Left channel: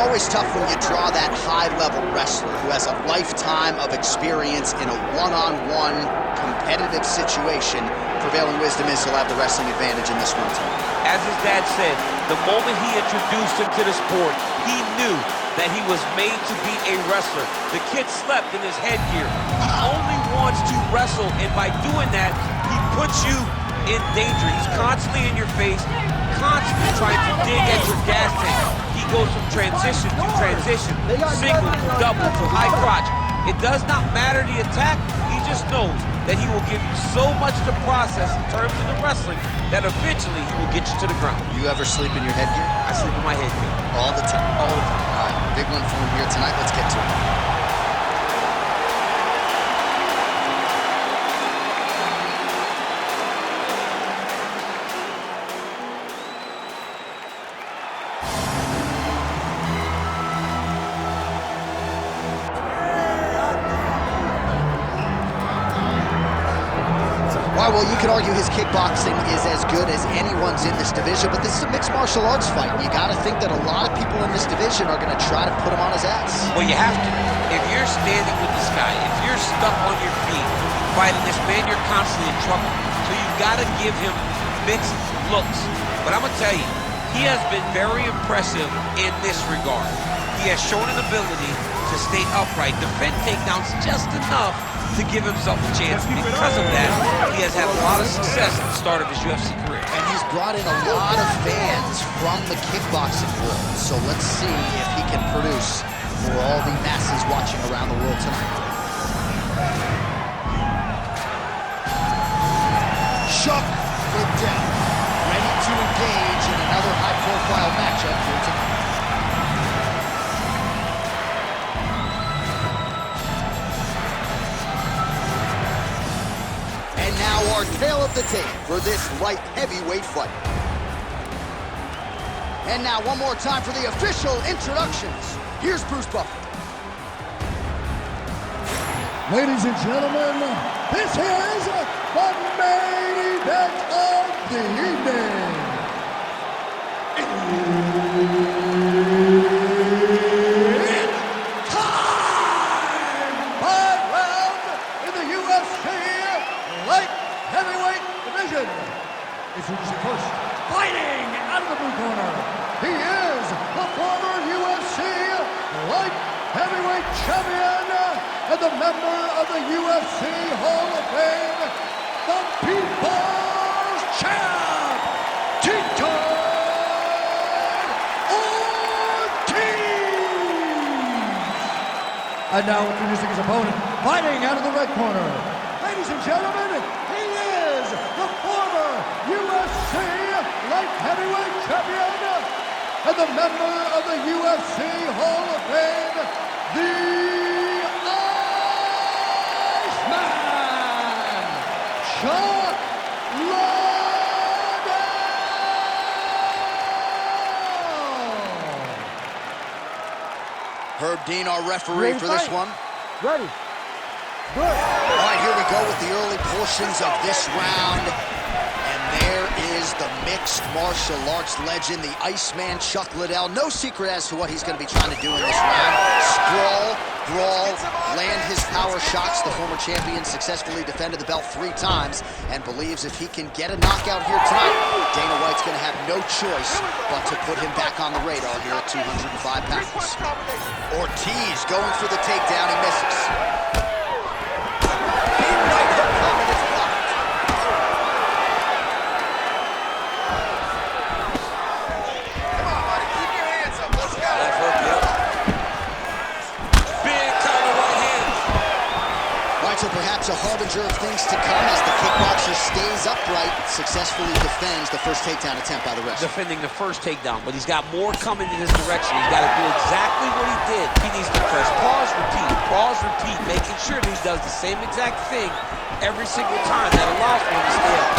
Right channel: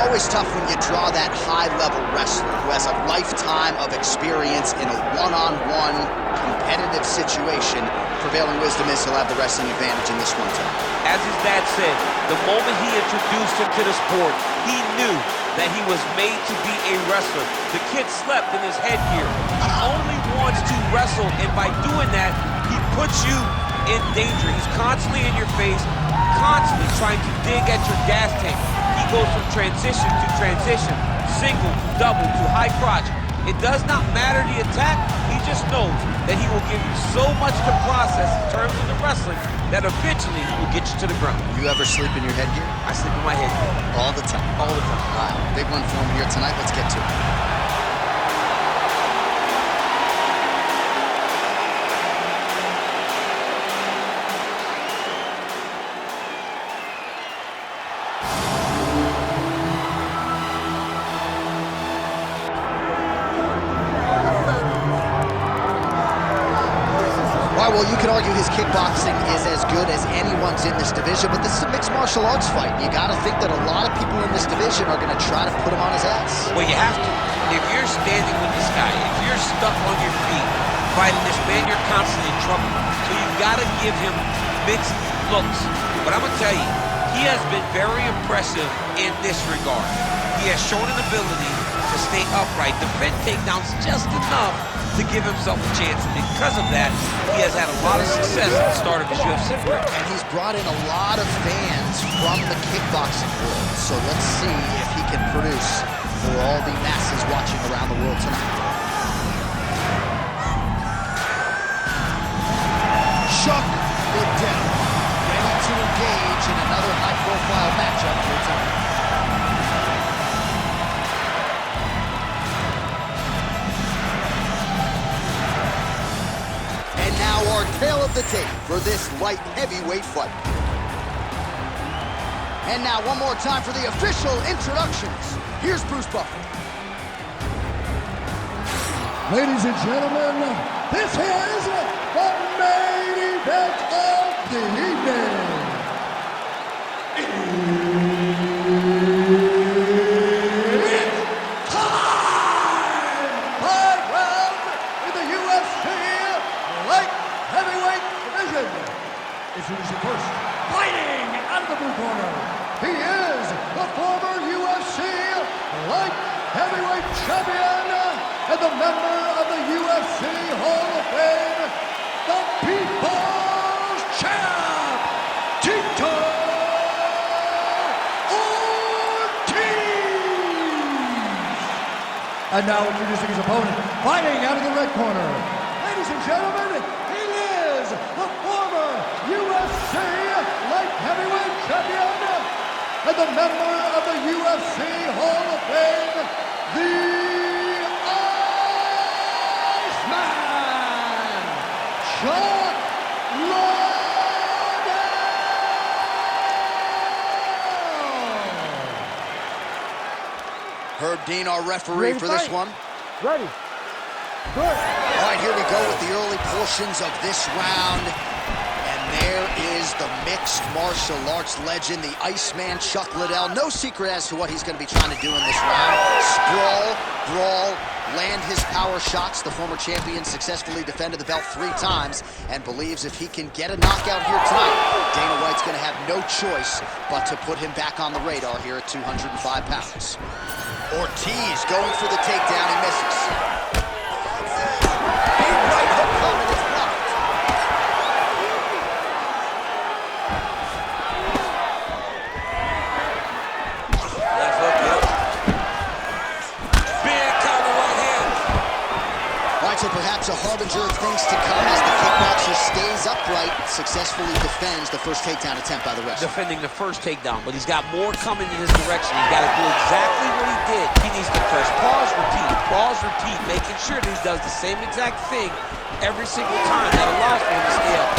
always tough when you draw that high-level wrestler who has a lifetime of experience in a one-on-one competitive situation. Prevailing wisdom is he'll have the wrestling advantage in this one tonight. As his dad said, the moment he introduced him to the sport, he knew that he was made to be a wrestler. The kid slept in his headgear. He only wants to wrestle, and by doing that, he puts you in danger. He's constantly in your face, constantly trying to dig at your gas tank. He goes from transition to transition, single to double to high crotch. It does not matter the attack. He just knows that he will give you so much to process in terms of the wrestling that eventually he will get you to the ground. You ever sleep in your headgear? I sleep in my headgear. All the time? All the time. All right, big one for him here tonight. Let's get to it. All right, well, you could argue his kickboxing is as good as anyone's in this division, but this is a mixed martial arts fight. You got to think that a lot of people in this division are going to try to put him on his ass. Well, you have to. If you're standing with this guy, if you're stuck on your feet fighting this man, you're constantly in trouble. So you've got to give him mixed looks. But I'm going to tell you, he has been very impressive in this regard. He has shown an ability to stay upright, defend takedowns just enough to give himself a chance. Because of that, he has had a lot of success at the start of his UFC career. And he's brought in a lot of fans from the kickboxing world. So let's see if he can produce for all the masses watching around the world tonight. Chuck Liddell, ready to engage in another high-profile matchup here tonight. And now our tale of the tape for this light heavyweight fight. And now one more time for the official introductions. Here's Bruce Buffer. Ladies and gentlemen, this is the main event of the evening. It's time! 5 rounds in the UFC light heavyweight division. Introducing first, fighting out of the blue corner. He is the former UFC light heavyweight champion and the member of the UFC Hall of Fame, the People's Champ, Tito Ortiz. And now introducing his opponent, fighting out of the red corner. Ladies and gentlemen, he is the former UFC light heavyweight champion and the member of the UFC Hall of Fame, the Iceman, Chuck Liddell. Herb Dean, our referee for this one. Ready. Good. All right, here we go with the early portions of this round. And there is the mixed martial arts legend, the Iceman, Chuck Liddell. No secret as to what he's going to be trying to do in this round. Sprawl, brawl, land his power shots. The former champion successfully defended the belt 3 times and believes if he can get a knockout here tonight, Dana White's going to have no choice but to put him back on the radar here at 205 pounds. Ortiz going for the takedown. He misses. Right hook coming, it's blocked. Left hook, yep. Big counter right hand. All right, so perhaps a harbinger of things to come as the kickboxer stays upright, successfully defends the first takedown attempt by the wrestler. Defending the first takedown, but he's got more coming in his direction. He's got to do exactly what he did. He needs to press pause, repeat, making sure that he does the same exact thing every single time. That allows for him to stay up.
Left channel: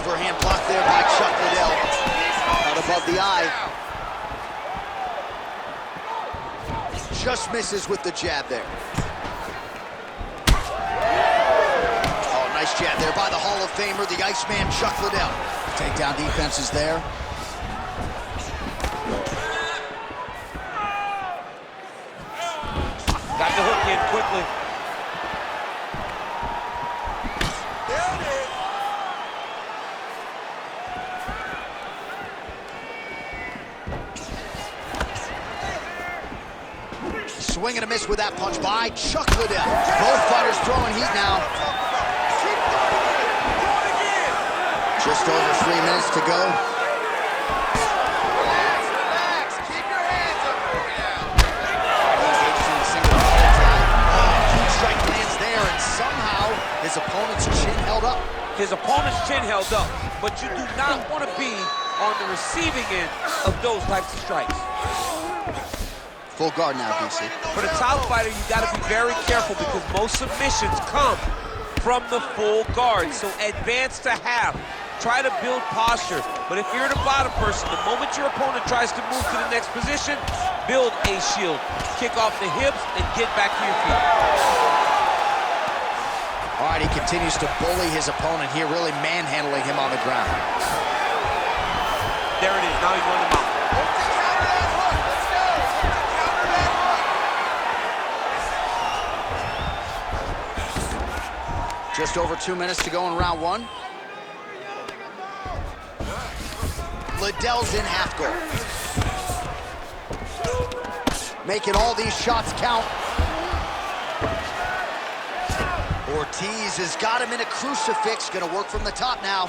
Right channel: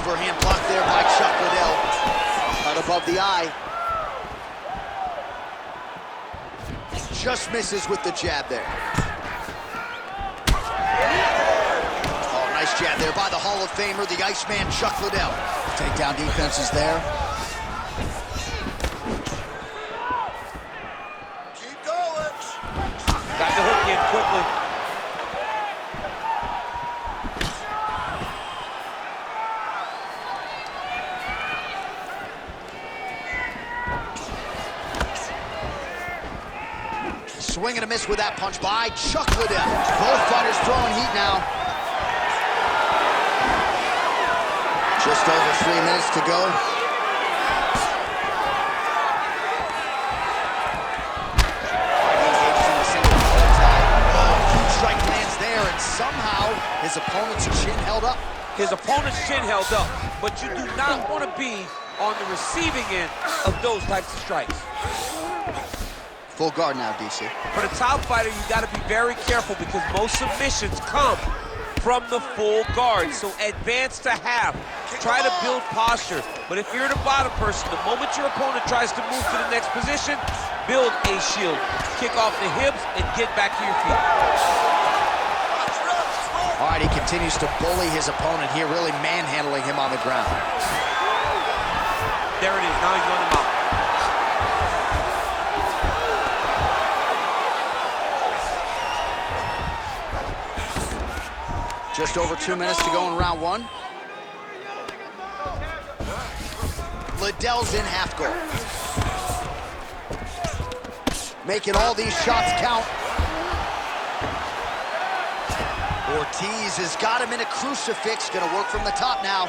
Overhand block there by Chuck Liddell. Cut above the eye. Just misses with the jab there. Oh, nice Nice jab there by the Hall of Famer, the Iceman Chuck Liddell. Takedown defense is there. Got the hook in quickly. Swing and a miss with that punch by Chuck Liddell. Both fighters throwing heat now. Just over 3 minutes to go. He engages in a single tie. Oh, huge strike lands there, and somehow his opponent's chin held up. His opponent's chin held up, but you do not want to be on the receiving end of those types of strikes. Full guard now, DC. For the top fighter, you got to be very careful because most submissions come from the full guard. So advance to half. Try to build posture. But if you're the bottom person, the moment your opponent tries to move to the next position, build a shield. Kick off the hips and get back to your feet. All right, he continues to bully his opponent here, really manhandling him on the ground. There it is. Now he's on the mount. Just over 2 minutes to go in round one. Liddell's in half guard. Making all these shots count. Ortiz has got him in a crucifix. Gonna work from the top now.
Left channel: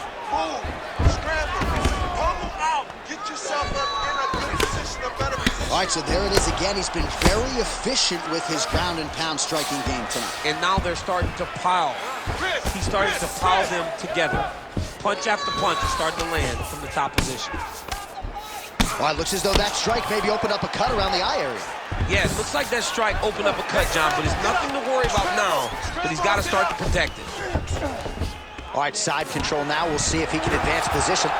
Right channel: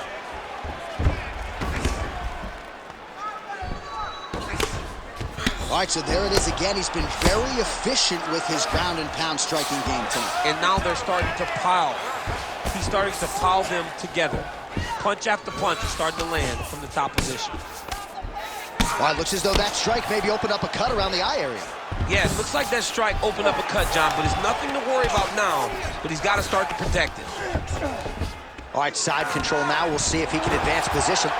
All right, so there it is again. He's been very efficient with his ground and pound striking game tonight. And now they're starting to pile. He's starting to pile them together. Punch after punch is starting to land from the top position. All right, looks as though that strike maybe opened up a cut around the eye area. Yeah, it looks like that strike opened up a cut, John, but it's nothing to worry about now, but he's got to start to protect it. All right, side control now. We'll see if he can advance position.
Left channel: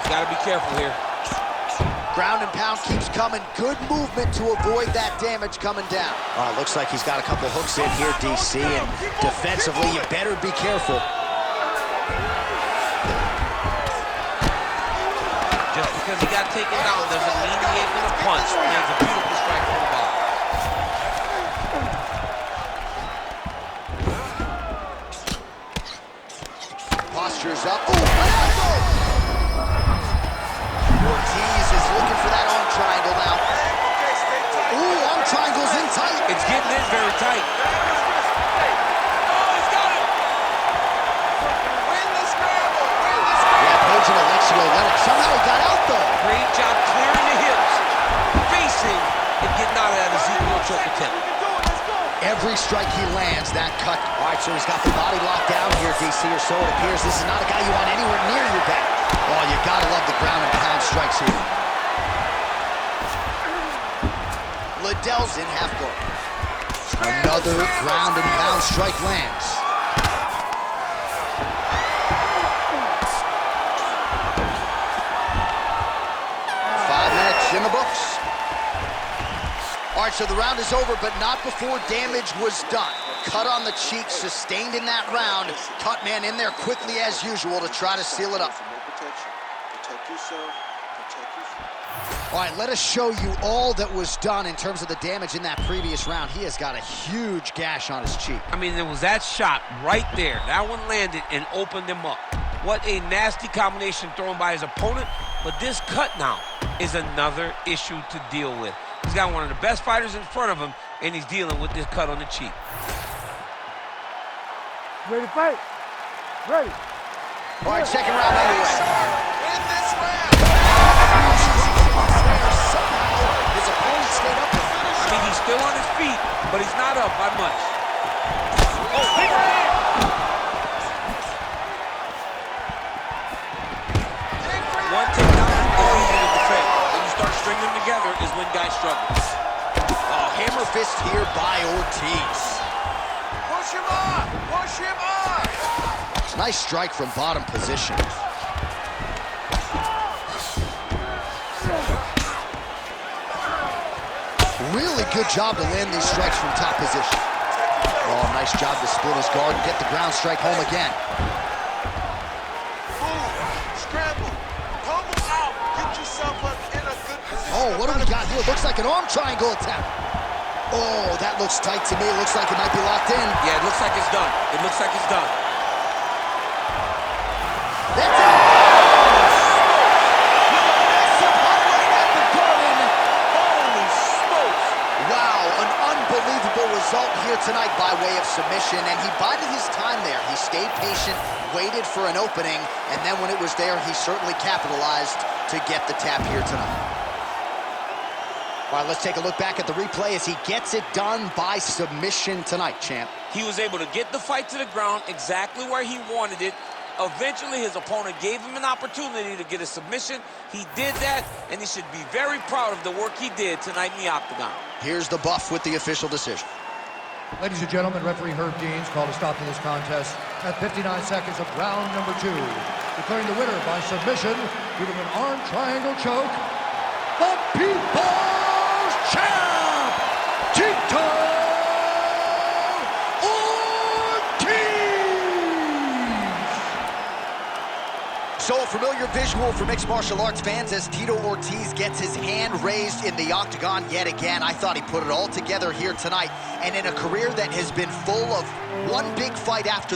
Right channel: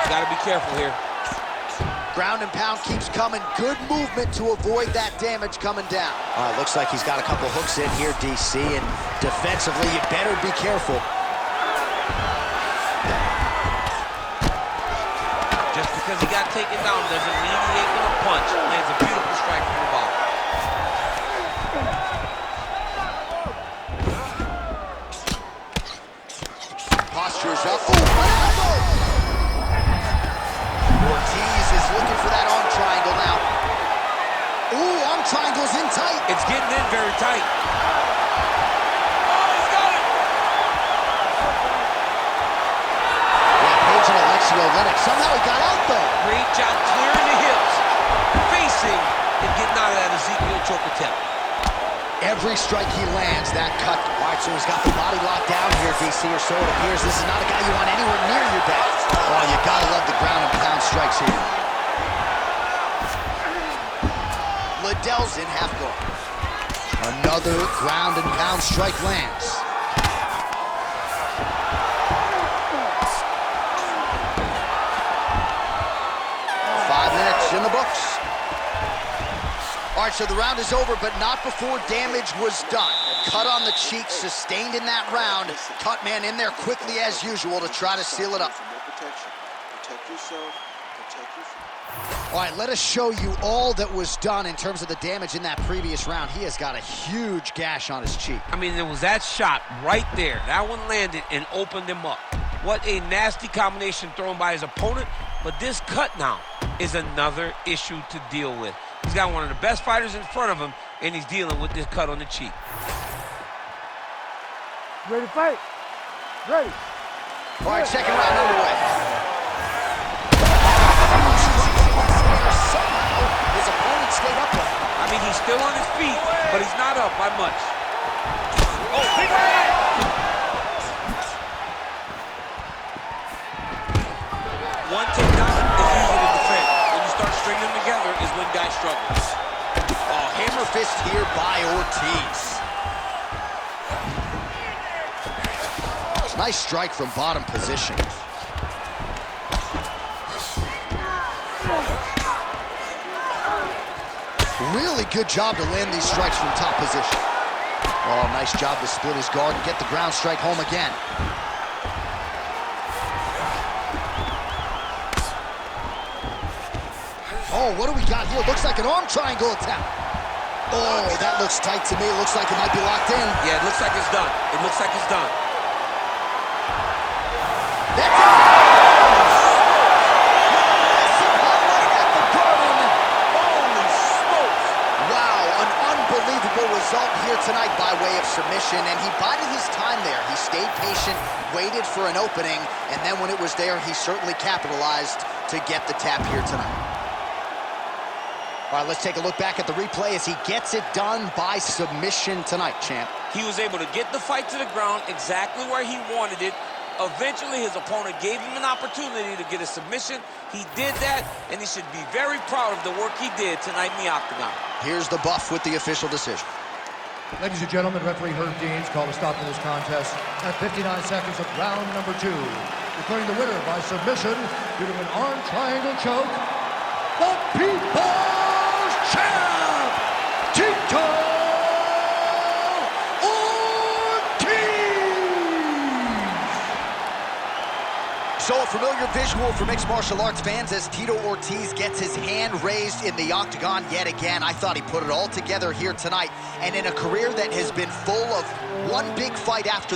He's got to be careful here. Ground and pound keeps coming. Good movement to avoid that damage coming down. All right, looks like he's got a couple hooks in here, DC, and defensively, you better be careful. Just because he got taken down doesn't mean he ain't gonna punch. Lands a beautiful strike from the bottom. Posture's up. Ooh, an elbow! Ortiz is looking for that arm triangle now. Ooh, arm triangle's in tight. It's getting in very tight. Oh, he's got it! Yeah, Page and Alexio Lennox. Somehow he got out, though. Great job clearing the hips, facing, and getting out of that Ezekiel choke attempt. Every strike he lands, that cut. All right, so he's got the body locked down here, DC, or so it appears. This is not a guy you want anywhere near your back. Oh, you gotta love the ground and pound strikes here. Liddell's in half guard. Another ground and pound strike lands. Five minutes in the books. All right, so the round is over, but not before damage was done. Cut on the cheek, sustained in that round. Cut man in there quickly as usual to try to seal it up. Protect yourself. All right, let us show you all that was done in terms of the damage in that previous round. He has got a huge gash on his cheek. I mean, there was that shot right there. That one landed and opened him up. What a nasty combination thrown by his opponent. But this cut now is another issue to deal with. He's got one of the best fighters in front of him, and he's dealing with this cut on the cheek. Ready to fight? Ready. All right, second round underway. Somehow, his opponent stayed up with him. I mean, he's still on his feet, but he's not up by much. Oh, big right! One takedown is easy to defend. When you start stringing them together is when guys struggle. Oh, hammer fist here by Ortiz. Nice strike from bottom position. Really good job to land these strikes from top position. Oh, nice job to split his guard and get the ground strike home again. Oh, what do we got here? Looks like an arm triangle attempt. Oh, that looks tight to me. Looks like it might be locked in. Yeah, it looks like it's done. It looks like it's done. That's it! With a massive highlight at the Garden. Holy smokes! Wow, an unbelievable result here tonight by way of submission, and he bided his time there. He stayed patient, waited for an opening, and then when it was there, he certainly capitalized to get the tap here tonight. All right, let's take a look back at the replay as he gets it done by submission tonight, champ. He was able to get the fight to the ground exactly where he wanted it. Eventually, his opponent gave him an opportunity to get a submission. He did that, and he should be very proud of the work he did tonight in the octagon. Here's the buff with the official decision. Ladies and gentlemen, referee Herb Deans called a stop to this contest at 59 seconds of round number 2, declaring the winner by submission due to an arm triangle choke, the People's Champ, Tito Ortiz! So a familiar visual for mixed martial arts fans as Tito Ortiz gets his hand raised in the octagon yet again. I thought he put it all together here tonight, and in a career that has been full of one big fight after